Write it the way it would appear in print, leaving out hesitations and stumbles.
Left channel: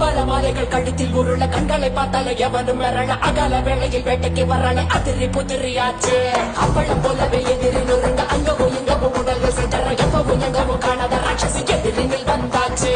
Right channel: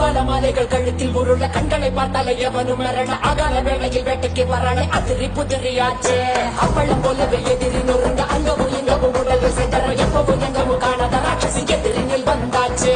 அபல மாலைகள் கழுத்தில் உருள கண்களை பார்த்தால எவனும் மிரள அகல வேளையில் வேட்டைக்கு வரல அதிரி புதிரியாச்சு அப்பளம் போலவே எதிரி நொறுங்க அங்கவும் இங்கவும் உடல சென்ற எப்பவும் எங்கவும் காணாத ராட்சசி எதிரிகள் வந்தாச்சு